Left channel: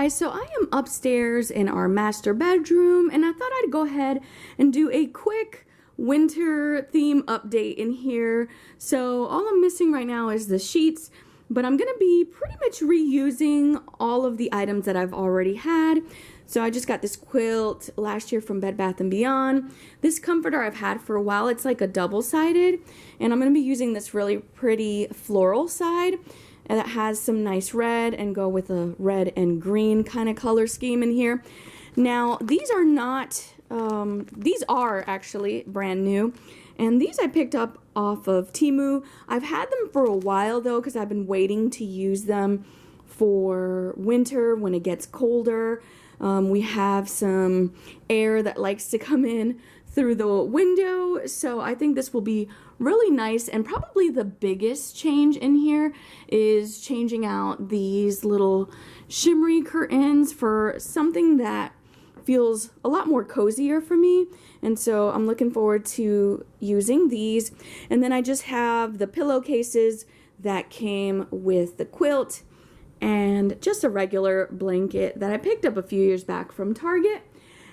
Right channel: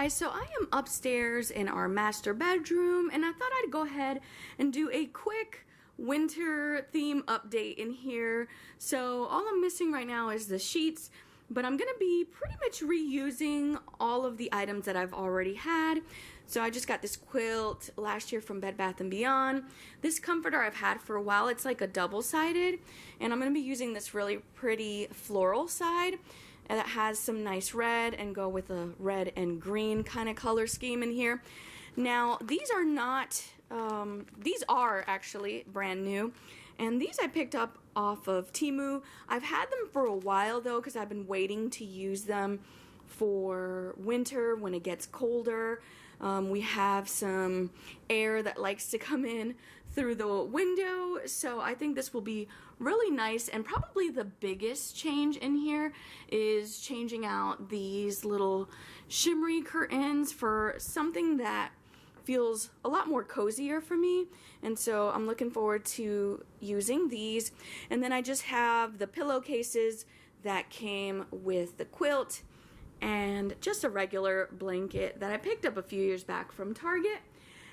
guys, so I am upstairs in our master bedroom and I thought I'd go ahead and do a quick winter theme update in here. So all I'm missing right now is the sheets, but I'm gonna be pretty much reusing all of the items that I've already had. So I just got this quilt last year from Bed Bath & Beyond. This comforter I've had for a while. It's like a double-sided, and I'm gonna be using this really pretty floral side and that has some nice red and go with a red and green kind of color scheme in here. Now, these are not, these are actually brand new, and these I picked up off of Temu. I've had them for a while though, because I've been waiting to use them for winter when it gets colder. We have some air that likes to come in through the window, so I think this will be really nice. And probably the biggest change in here is changing out these little shimmery curtains for something that feels a lot more cozier for me, and so I'm looking forward to using these. And then I just have the pillowcases that came with the quilt and just a regular blanket that I picked up a few years back from Target.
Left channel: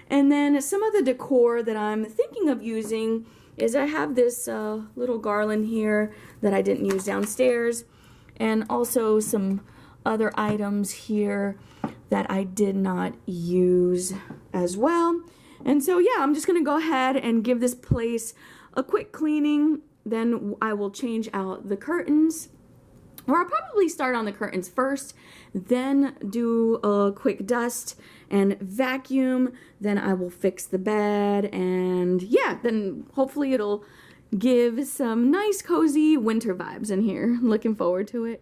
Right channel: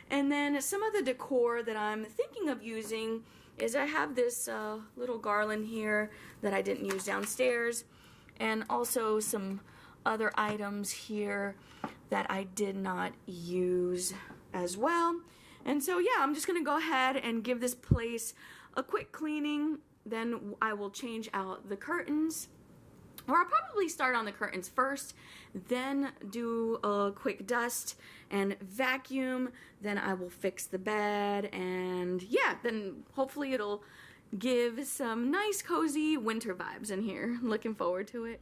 And then some of the decor that I'm thinking of using is I have this little garland here that I didn't use downstairs, and also some other items here that I did not use as well. And so yeah, I'm just gonna go ahead and give this place a quick cleaning. Then I will change out the curtains. Or I'll probably start on the curtains first, then do a quick dust and vacuum, then I will fix the bed, and yeah, then hopefully it'll give some nice cozy winter vibes in here. Looking forward to it.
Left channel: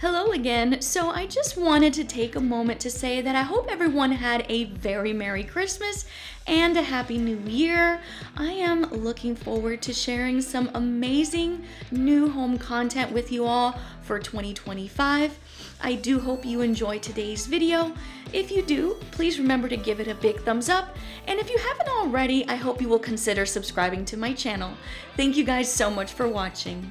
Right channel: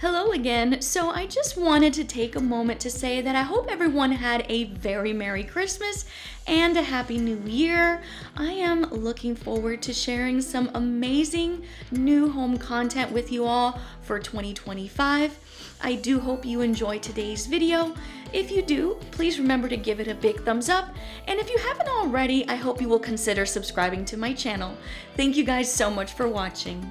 Hello again. So I just wanted to take a moment to say that I hope everyone had a very Merry Christmas and a Happy New Year. I am looking forward to sharing some amazing new home content with you all for 2025. I do hope you enjoyed today's video. If you do, please remember to give it a big thumbs up. And if you haven't already, I hope you will consider subscribing to my channel. Thank you guys so much for watching.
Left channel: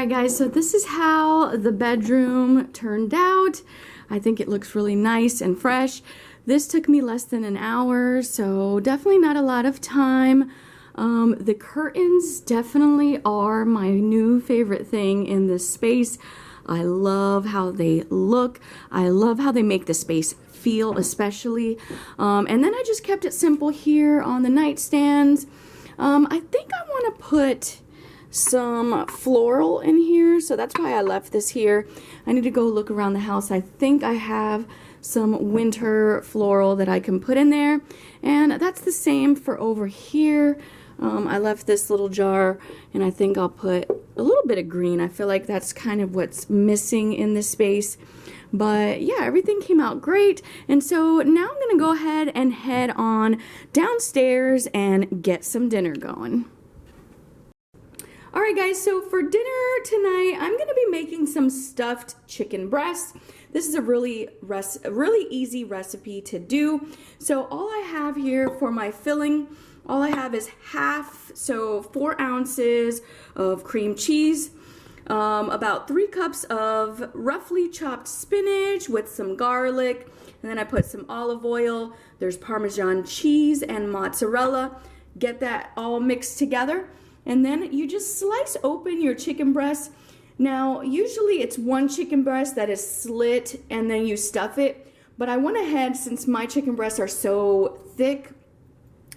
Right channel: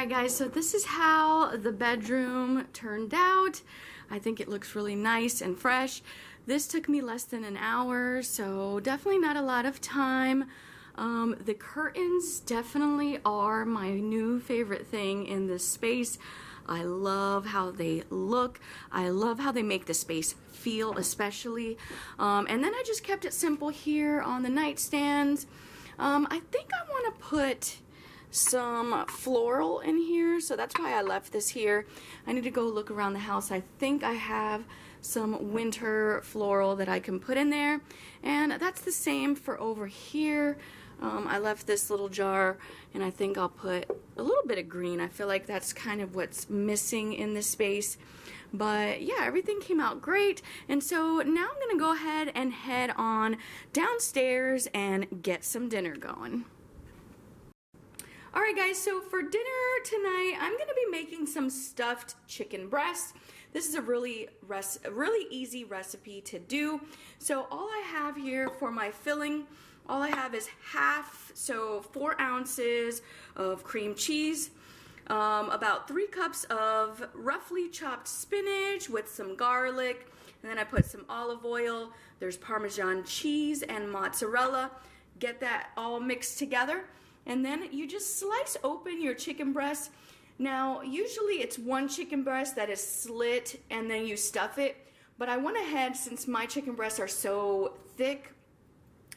Alright guys, so this is how the bedroom turned out. I think it looks really nice and fresh. This took me less than an hour, so definitely not a lot of time. The curtains definitely are my new favorite thing in this space. I love how they look. I love how they make the space feel, especially. And then I just kept it simple here on the nightstands. I think I want to put some floral in here, so that's why I left this here. I need to go look around the house. I think I have some winter floral that I can put in there, and that's the same for over here. I left this little jar, and I think I'll put a little bit of green. I feel like that's kind of what's missing in this space. But yeah, everything came out great. And so now I'm gonna go ahead and head on downstairs and get some dinner going. Alright guys, so for dinner tonight, I'm going to be making some stuffed chicken breasts. This is a really easy recipe to do. So all I have here for my filling, all I have is so 4 ounces of cream cheese, about 3 cups of roughly chopped spinach with some garlic, and then I put some olive oil, there's Parmesan cheese and mozzarella. Get that all mixed together. And then you just slice open your chicken breast. Now, usually it's 1 chicken breast that is slit and then you stuff it. But I went ahead, since my chicken breasts are so thick,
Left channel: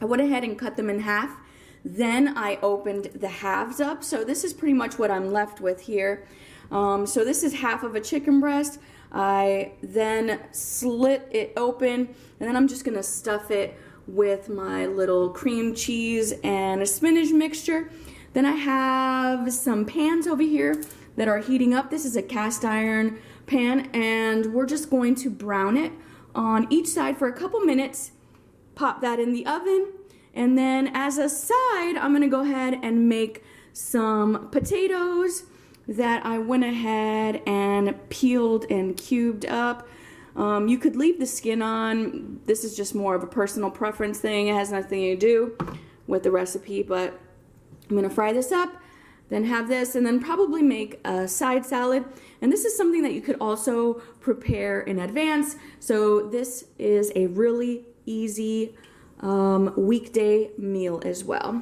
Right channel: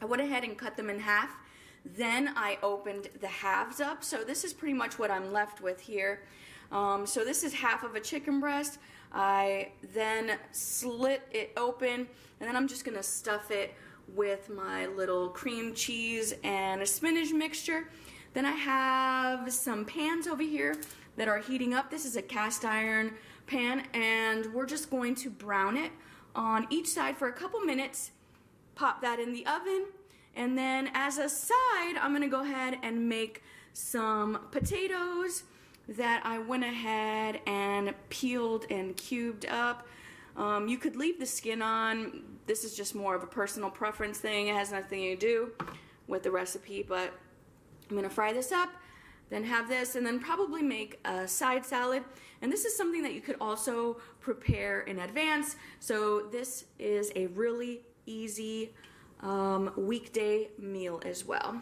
I went ahead and cut them in half. Then I opened the halves up. So this is pretty much what I'm left with here. So this is half of a chicken breast. I then slit it open, and then I'm just gonna stuff it with my little cream cheese and a spinach mixture. Then I have some pans over here that are heating up. This is a cast iron pan, and we're just going to brown it on each side for a couple minutes. Pop that in the oven, and then as a side, I'm gonna go ahead and make some potatoes that I went ahead and peeled and cubed up. You could leave the skin on. This is just more of a personal preference thing. It has nothing to do with the recipe, but I'm gonna fry this up, then have this, and then probably make a side salad. And this is something that you could also prepare in advance. So this is a really easy weekday meal as well.